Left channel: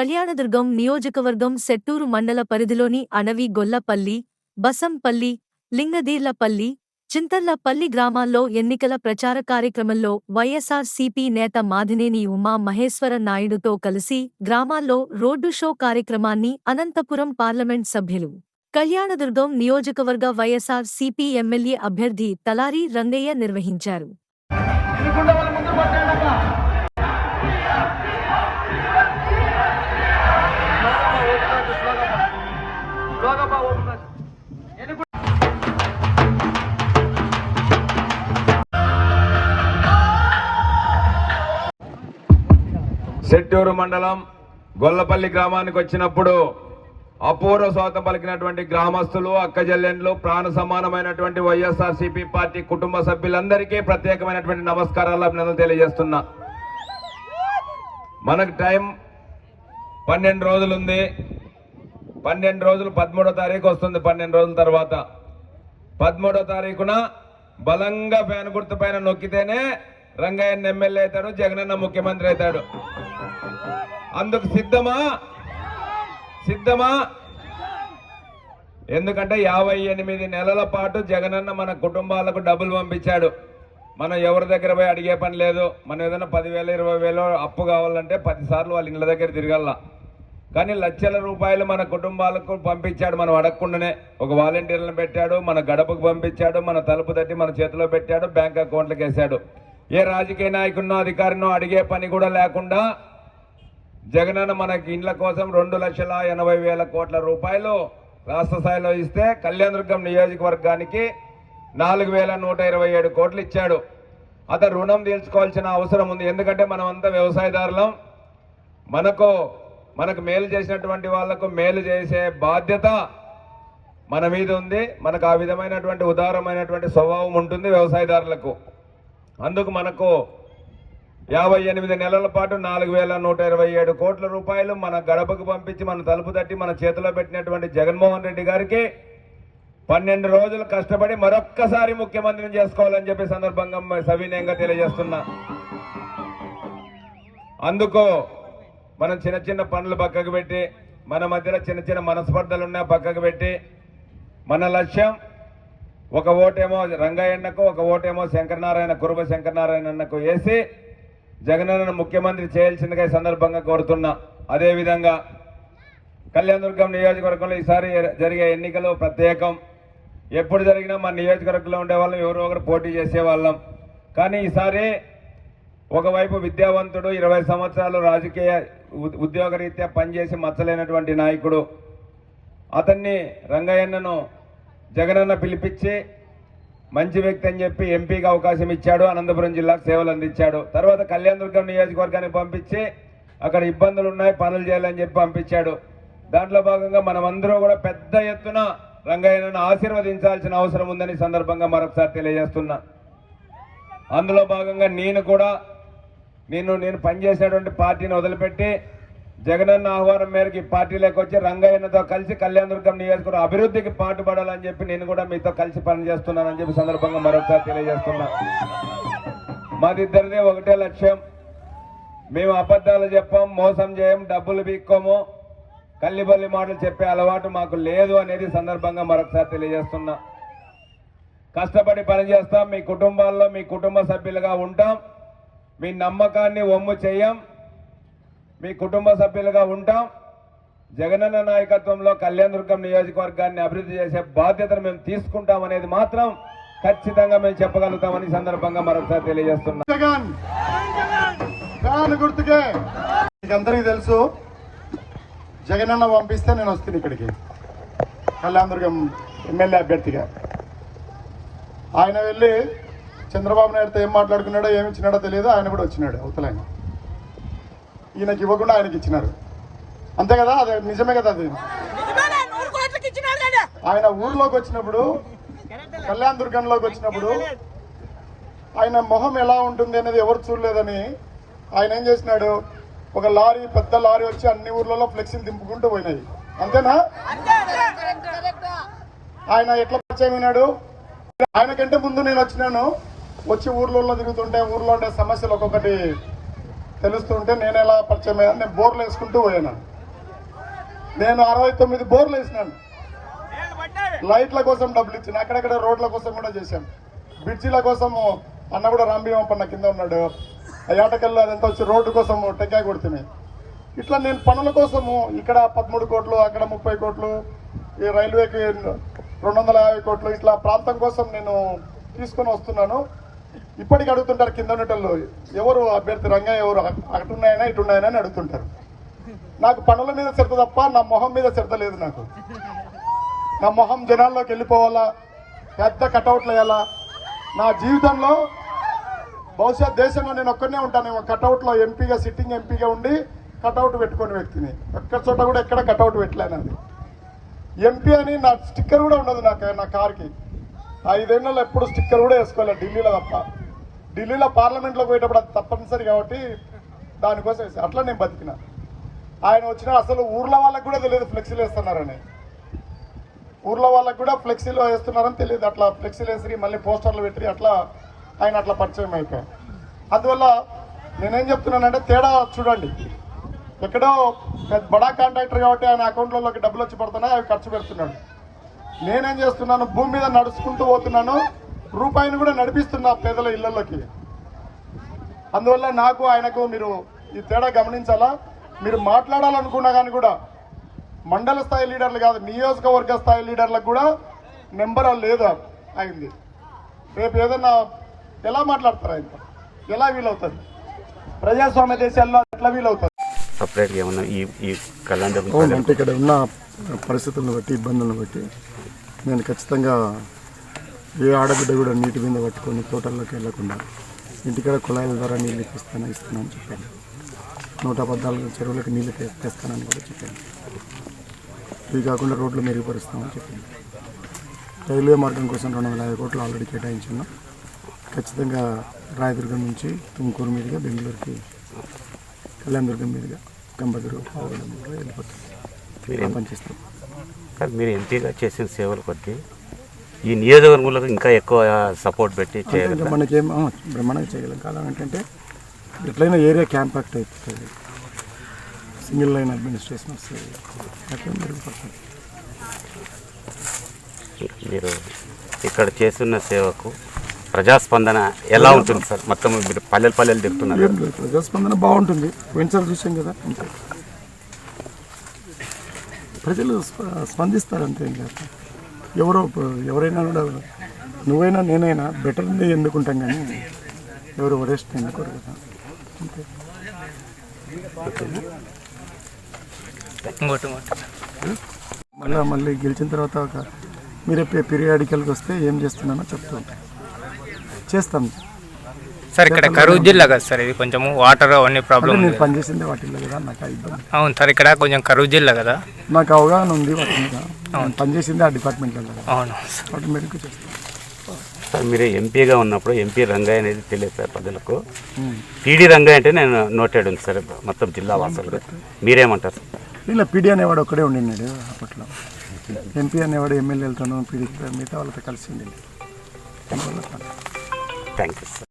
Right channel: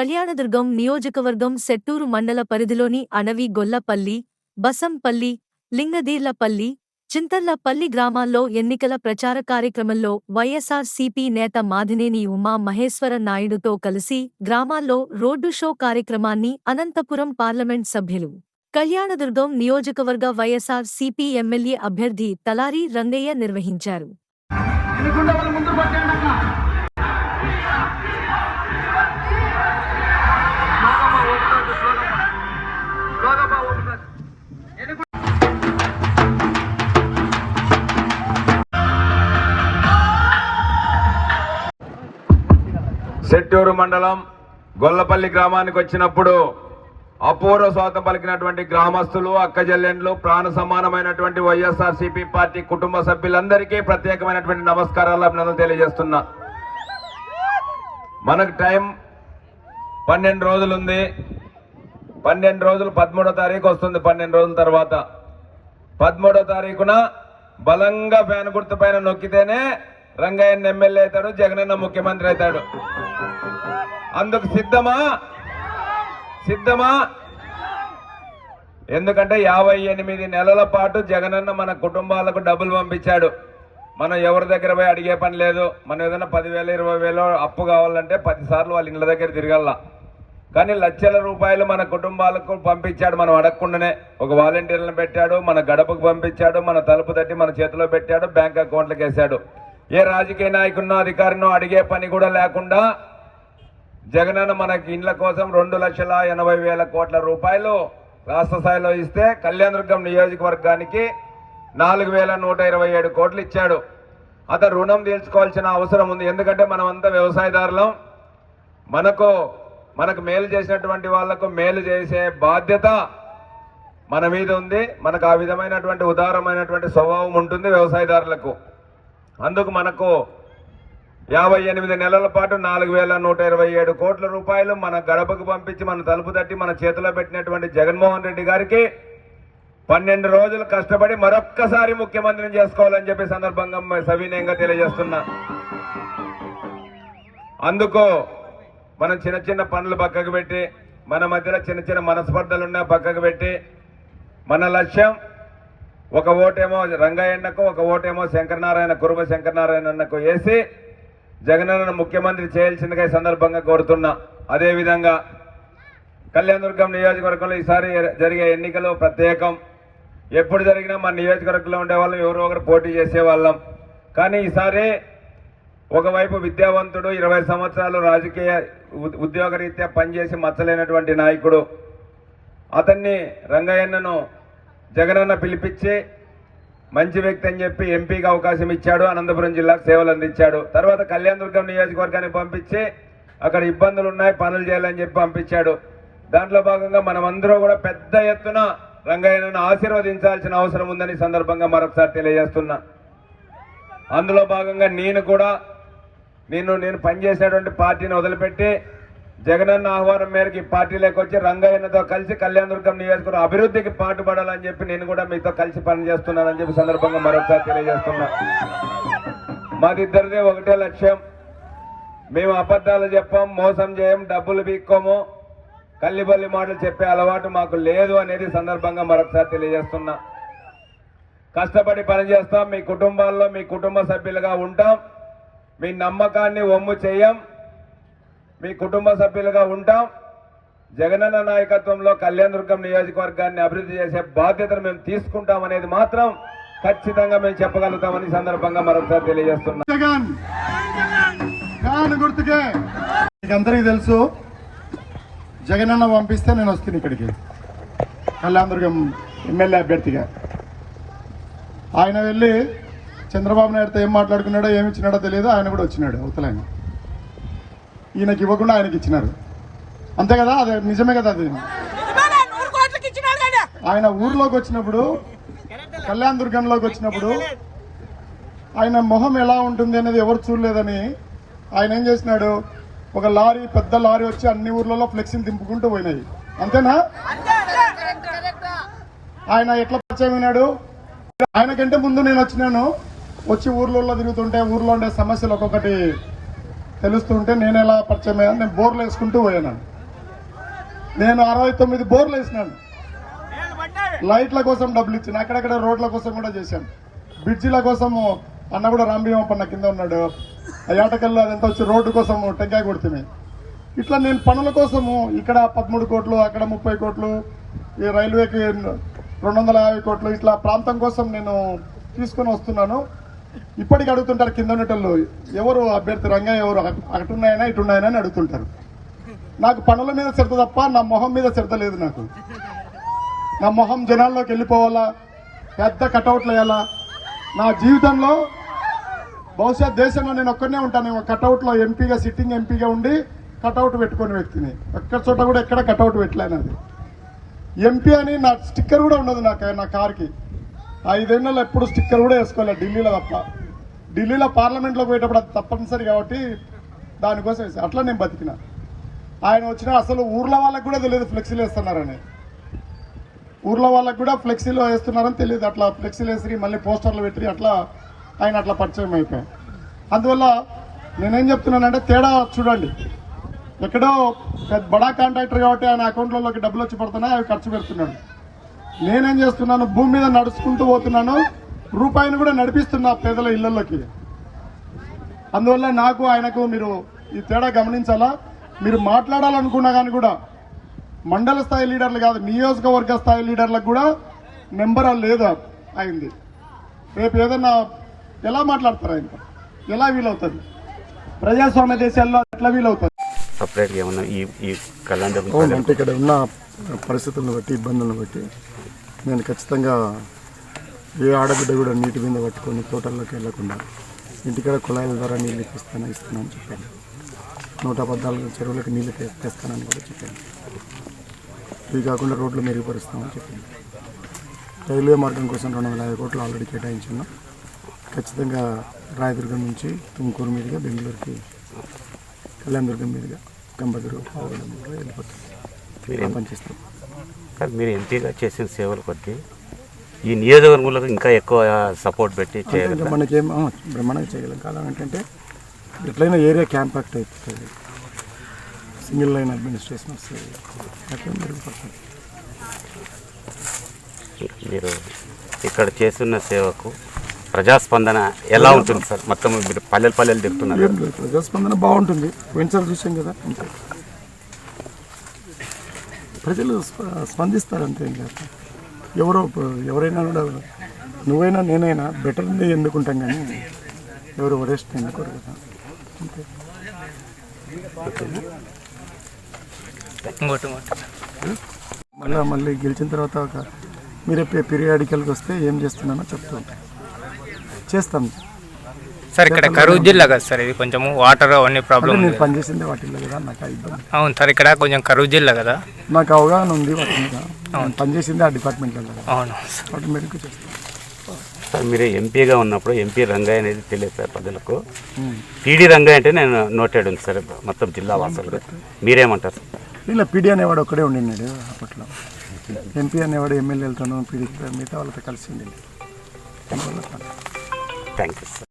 కళ్యాణదుర్గం నియోజకవర్గం సెట్టూరు మండల పరిధిలోని అణవి గొల్లపల్లి, బసంపల్లి, లింగదీర్లపల్లి, చింతర్లపల్లి గ్రామాల్లో ఎన్నికల ప్రచార కార్యక్రమంలో వైఎస్ఆర్-సీపీ నేత మాదినేని ఉమా మహేశ్వర నాయుడుతో కలిసి గ్రామాల్లో రోడ్డు షో కార్యక్రమాన్ని అనంతపురం పార్లమెంట్ సభ్యులు, కళ్యాణదుర్గం నియోజకవర్గ వైఎస్ఆర్-సీపీ ఎమ్మెల్యే అభ్యర్థి తలారి రంగయ్య నిర్వహించారు. సెట్టూరు మండలం గొల్లపల్లి గ్రామానికి వచ్చినప్పుడు అపూర్వ స్వాగతం పలికినటువంటి గ్రామస్తులు, అక్కజెల్లెండ్లు, ప్రాణ సమానమైనటువంటి వైఎస్ఆర్-సీపీ పార్టీ కుటుంబ సభ్యులందరికీ ప్రత్యేకమైనటువంటి నమస్కారాలు, అభినందనలు తెలియజేస్తున్నా. మనకు టైం 12 రోజులు ఉంది. 12 రోజులు 13వ తారీఖు వస్తుంది. 12 రోజుల తర్వాత 13వ తారీఖున బలంగా ఫ్యాన్ గుర్తు పైన నొక్కితేనే రంగయ్య ఎమ్మెల్యే అవుతాడు, జగనన్న ముఖ్యమంత్రి అవుతాడు. అందుకు సిద్ధమా? ఎందుకంటే 58 నెలల పాటు జగనన్న మన కుటుంబాలకు డబ్బులు పంపించాడు. మనం ఎవరి దగ్గర పోయి అడిగే పని లేదు. మనం ఏదైనా 10,000 20,000 అప్పు కావాలంటే 10 సార్లు వాళ్ళ ఇళ్ళ దగ్గర తిరగల్లా. కానీ లక్షల రూపాయలు మన కుటుంబాలకు పంపించాడు మనం అడగకుండానే. ఒక వాలంటీర్లను పెట్టాడు, మన గడపకు పంపించాడు, మన తలుపు తట్టి మన చేతిలో పెట్టాడు, బ్యాంక్ అకౌంట్లకు వేశాడు. ఏ రాజకీయ నాయకున్నో అధికారినో అడిగే పని కూడా లేకుండా జగనన్న మనకి ఇండ్ల కోసం 2,80,000 కోట్ల రూపాయలు రాష్ట్ర స్థాయిలో ఇస్తే కళ్యాణదుర్గం నియోజకవర్గానికి 4,127 కోట్లు ఇచ్చాడు. అతను రుణం తీర్చుకోవాల్సిన అవసరం ఉంది. ఎందుకంటే మనమంతా వ్యవసాయదారులం. మనకు మేలు చేసినటువంటి వాళ్లకు మేలు చేసే బాధ్యత మన మీద ఉంది. మనకు ఆ విధమైనటువంటి ఉదారమైనటువంటి స్వభావం ఉంటుంది వ్యవసాయదారులకు. అందుకు మనకు 58 నెలల పాటు 4,127 కోట్ల రూపాయలు మన గడపకు పంపించి మన తలుపు తట్టి మన చేతిలో పెట్టినటువంటి జగన్మోహన్ రెడ్డి గారికి 12 రోజులు కష్టపడి మరొక్కసారి ముఖ్యమంత్రిని చేసుకోవాలని చెప్పి సందర్భంగా సవినయంగా తెలియజేస్తున్నా. అందుకు మనం చిన్న పనులు పక్కకు పెట్టి, మన మధ్యలో చిన్న మనస్పర్ధలున్నా పక్కకు పెట్టి, మన లక్ష్యం ఒక ఓటేమో రంగయ్యన్నకు, ఒక ఓటేమో కురుబ శంకరనారాయణకు వేసి జగనన్న ముఖ్యమంత్రి చేయాల్సిందిగా ఈ సందర్భంగా కోరుతున్నా. అదేవిధంగా కళ్యాణదుర్గం నియోజకవర్గంలో ఈసారి జరిగే ఎన్నికలు ప్రత్యేకం. ఎప్పుడు జరిగినా మన నియోజకవర్గంలో ఉండేవాళ్ళం, ఎవరో ఒకరు పోటీ చేసేవాళ్ళం. కానీ ఈసారి ఒకవైపు విద్యావంతుడు, 20 సంవత్సరాలు రాజకీయ ఉద్యోగరీత్యా పనిచేసి మచ్చలేనటువంటి నాయకుడు, అతన్ని రంగయ్యన్నను జగనన్న పిలిపించి మంచి వ్యక్తి అని చెప్పి ఎంపీగా అవకాశం ఇచ్చాడు. అనంతపురం జిల్లాకు సేవలు అందించాడు. తర్వాత కళ్యాణదుర్గం నియోజకవర్గాన్ని పంపించి అక్కడ ఇబ్బందులు ఉన్నాయి, పనులు చేయాలని చెప్పి పంపించాడు. దాంట్లో భాగంగా మనమందరూ కూడా పెద్ద ఎత్తున రంగయ్యను ఆశీర్వదించాల్సిన అవసరం ఉందని సందర్భంగా మరొకసారి తెలియజేస్తున్నా. అందులో భాగంగా నేను పనిచేసినటువంటి పార్టీని వదిలిపెట్టి జగనన్న ఆహ్వానం మేరకు ఈ పార్టీలోకి వచ్చి రంగయ్యతో కలిసి కళ్యాణదుర్గం నియోజకవర్గం అభివృద్ధికి పాటుపడాలని చెప్పి నేను కూడా మీతో కలిసి పనిచేస్తున్నానని చెప్పి సందర్భంగా మరొకసారి తెలియజేస్తున్నా. మాదిద్దరిదే ఒకటే లక్ష్యం. మేము అబద్ధాలు చెప్పాం, మోసం చేయం, డబ్బులు బీక్కోము, కల్లిబల్లి మాటలు చెప్పే అలవాటు మాకు లేదు అనేది సందర్భంగా మరొకసారి తెలియజేస్తున్నా. కష్టపడి పనిచేస్తాం, మీ కుటుంబాల్లో మీ కుటుంబ సభ్యులుగా ఉంటాం, మీ నమ్మకాన్ని వమ్ము చేయం, మీ కుటుంబ సభ్యులుగా ఉంటాం. జగనన్న నాయకత్వంలో కళ్యాణదుర్గం నియోజకవర్గాన్ని అభివృద్ధి చేసే బాధ్యతను మేము తీసుకుంటాం అనేది మాత్రం ఖచ్చితంగా మేము చెప్పగలుగుతామని సందర్భంగా మరొకసారి తెలియజేస్తున్నాం. అందరికీ తెలుసు, జగనన్న పంపిస్తే నేను వస్తాను ఇక్కడికి కళ్యాణదుర్గం ఎమ్మెల్యే అభ్యర్థిగా. ఆయన వెళ్ళి చంద్రబాబు నాయుడుతో ఏం మాట్లాడుకున్నాడో ఏమి ఇచ్చినాడో తెలియదు. ఆయన కూడా వచ్చినాడు అవతలని, ఈయనకి ఇవ్వకుండా ఆయనకి ఇచ్చినారు. అంతే కదా, అదే నిజమే కదా. అది ఆయన ఊర్లోకి వచ్చినప్పుడు, కళ్యాణదుర్గంలోకి వచ్చినప్పుడు ఆయన మొహం ఎలా ఉంటుంది అనేది ఎవరు చూడలేదని ఆయన ఏం చేసినాడు, ఒక లారీ, పెద్ద లారీ వచ్చి అన్ని ఊర్లలో ఫ్లెక్సీలు దింపుకుంటూ పోయినాయి. అంతేనా? ఆయన ఎట్లా పరిచయం అయినాడు? ఆయనకంటే ముందు నేను వచ్చినాను. వచ్చి ఊర్లలో తిరుగుతుంటే ఊర్లో ఉండే సమస్యలు ఒక్కొక్కటి తెలుస్తుంటే నేను ఎలా పరిచయం అయ్యాను, నేను బోర్లు వేసుకుంటూ పోయాను. నేను 69 బోర్లు వేసినాను. లైట్ల కోసం డబ్బులు ఇచ్చాను, అక్కడక్కడ రోడ్ల కోసం కూడా చేశాను. బ్రిడ్జిల కోసం అన్న కూడా రాంభీమప్పన్న కింద ఉన్నాడు, ఏటకెళ్ళి అదంతా వచ్చి రోడ్డు కోసం టెంకాయ కొడుతున్నాయి. ఇట్లా నేను పనుల కోసము ఇక్కడ 13 కోట్లు, అక్కడ 30 కోట్లు, ఈ రైల్వేకి 250 కోట్లు, ఇట్లా ప్రాంతం కోసం నేను తీసుకొని వస్తున్నాను. ఇప్పటికి అడుగుతుంటారు కింద ఉన్నటోళ్ళు, ఎవరు అభ్యర్థి రంగయ్య, ఎవరు అటున్నాయనా ఇటున్నాయనా అని అడుగుతుంటారు. నాకు పనుల మీద శ్రద్ధ తప్ప నా మొహం మీద శ్రద్ధ లేదు. నాకు నా మొహం జనాల్లోకి వెళ్ళిపోవాలా, పెద్ద కటౌట్లు వేయాలా. నా జీవితంలో బహుశా దేశంలో నేను ఒక్కనే ఉంటానేమో కటౌట్లో ఎంపీగా, సిట్టింగ్ ఎంపీగా ఉండి కటౌట్ పెట్టుకునే వ్యక్తిని. ఎక్కడ చోట కూడా ఎక్కడ కటౌట్ పెట్టలేనది. ఎంపీ అని నా స్టిక్కర్ కూడా ఉండదు నా కార్కి. 5 ఏళ్ళలో ఎప్పుడు స్టిక్కర్ కూడా వేసుకోవాలి, ఢిల్లీలో తప్ప. ఢిల్లీలో పార్లమెంట్లో పోయేటప్పుడు అది తప్పనిసరి కాబట్టి దానికోసం వేసాను. అట్లా నేను బతికిన. ఆయన వచ్చిన అసలు ఊర్ల వాళ్ళకి కూడా తెలియదు ఫ్లెక్సీలు వేస్తున్నారని. ఊర్లో వాళ్ళకి కూడా ఫ్లెక్సీలు వేస్తున్నారని తెలియదు. అట్లా ఫ్లెక్సీలు వేసి మళ్ళీ పోస్టర్లు పెట్టి అట్లా ఆయన అట్లా పరిచయం అయిపోయాం. అందువల్ల నేనేం చెప్తున్నానంటే తేడా చూడండి. ఎక్కడో పెద్ద బడా కాంట్రాక్టర్ కాబట్టి ఆయన అకౌంట్లలోకి డబ్బులు వచ్చి పడుతున్నాయి, అవి ఖర్చు పెడుతున్నాడు. నేనేం చేస్తున్నాను, భూమి మీద నడుచుకుంటూ పోతున్నాను, రూపాయిని కూడా నడిపిస్తున్నా పేదల ఇళ్లలోకి. అందువల్ల నాకు ఆయనకు మీరు ఈ తేడా గమనించాలా. మీరు మాట్లాడాలనుకున్నా కానీ కూడా మండల స్థాయి లీడర్లు కాదు, నియోజకవర్గ స్థాయి లీడర్లకు కూడా నెంబర్ లేదు అయింది. రేపు ఏదన్నా ఎలా మాట్లాడతారు, ఆయనతో ఎలా వీలవుతుంది? ప్రజాస్వామ్య దేశాల్లో ఎట్లా వీలవుతుంది? సపరేట్గా ఏమన్నా ఈ కళ్యాణ అంటే ఇక్కడ ఉన్న పరిస్థితులను బట్టి, ఇబ్బందులను బట్టి నేను ఖచ్చితంగా ఏ ఆడబిడ్డ కూడా నీటి మీద పట్టుకొని తోటల్లోకి వెళ్లకుండా ఇంటికాడ కుళాయిల ద్వారా నీళ్ళు ఇస్తానని చెప్పాను. 114 చెరువులకు నీళ్ళు తెస్తానని కూడా చెప్పాను. ఇవి కాకుండా రోడ్లు మెరుగుపరుస్తామని చెప్పింది. రైల్వే మార్గం కోసం 250 కోట్లు ఆల్రెడీ కేటాయించున్నాం. ఖచ్చితంగా రాయదుర్గం నుంచి తుమ్కూరు మీదుగా బెంగళూరుకి, కళ్యాణదుర్గం మీదుగా గంబదురు పావుగూడెం వెళ్ళిపోతుంది. పనిచేస్తాం. మీరు ఎంపీగా చేసిన సేవలు కొద్ది ఈ నియోజకవర్గంలో ఇంకా ఎక్కువ సపోర్ట్ పెట్టి చేయగలం. మనకేం బ్రహ్మాండంగా చేయగలం. కాలం ఏంటంటే ఎట్లయినా ఏరియా క్యాంపాక్ట్ అయిపోతుంది, సింగిల్ లైన్ అడ్మినిస్ట్రేషన్ వస్తుంది, అట్లా మెరుగుపడుతుంది. మీరు ఇక్కడ చేస్తున్న సేవకు ప్రజాస్పందన ఎలా ఉంటుంది సార్? మొత్తం మీరు పల్లెలు తిరుగుతున్నారు. ప్రజాస్పందన బాగుంటుంది. పోయినసారి చూసాం కదా, అంతే. ప్రజలు స్పందిస్తారు అంతే. ఇంకా ఎవరైనా కూడా, నువ్వైనా నేనైనా బెటర్ ఎందుకుంటాం కానీ ఎవరు వరెస్ట్ ఎందుకోరు కదా, అంతే. మళ్ళీ గెలిచిన తర్వాత మీరే పీరియాడికల్కి వస్తే ఏం చేస్తున్నానో చెప్తూ ఉంటాను, చేస్తాం సార్. ఇక్కడ కరూరు జిల్లా కదా సార్, ఇది కొంచెం వాటర్ అవన్నీ ప్రాబ్లం. నేను పనిచేసిందే వాటిల్లో కదా, నాకు ఇబ్బంది. అవును సార్, ఇక్కడ కొంచెం కరూరు జిల్లా కదా, నాకు అవగాహన ఉంది వాటి మీద. పనిచేసిందే ఆ డిపార్ట్మెంట్లో కదా. అవును, ఆటోమేటిక్గా చేస్తాం. సార్ మీరు ఎంపీగా ఉన్నప్పుడు ఎంపీ రంగయ్య అనేది తెలియదు సార్ ప్రజలకు. పీడీ రంగయ్య అంటే నేను నోటెడ్ ఉంది సార్ మొత్తం జిల్లా వాసులు. మీరేమంటారు సార్? ఇలా పీడీ అనేవాడు ఒక్కడే ఉండినాడు అప్పట్లో. ఎంపీ అనేవాడు ఎమ్మెల్యేలతోనూ పీడీ మిగతా వాళ్ళతో కలిసి ఉండి. Thank you sir.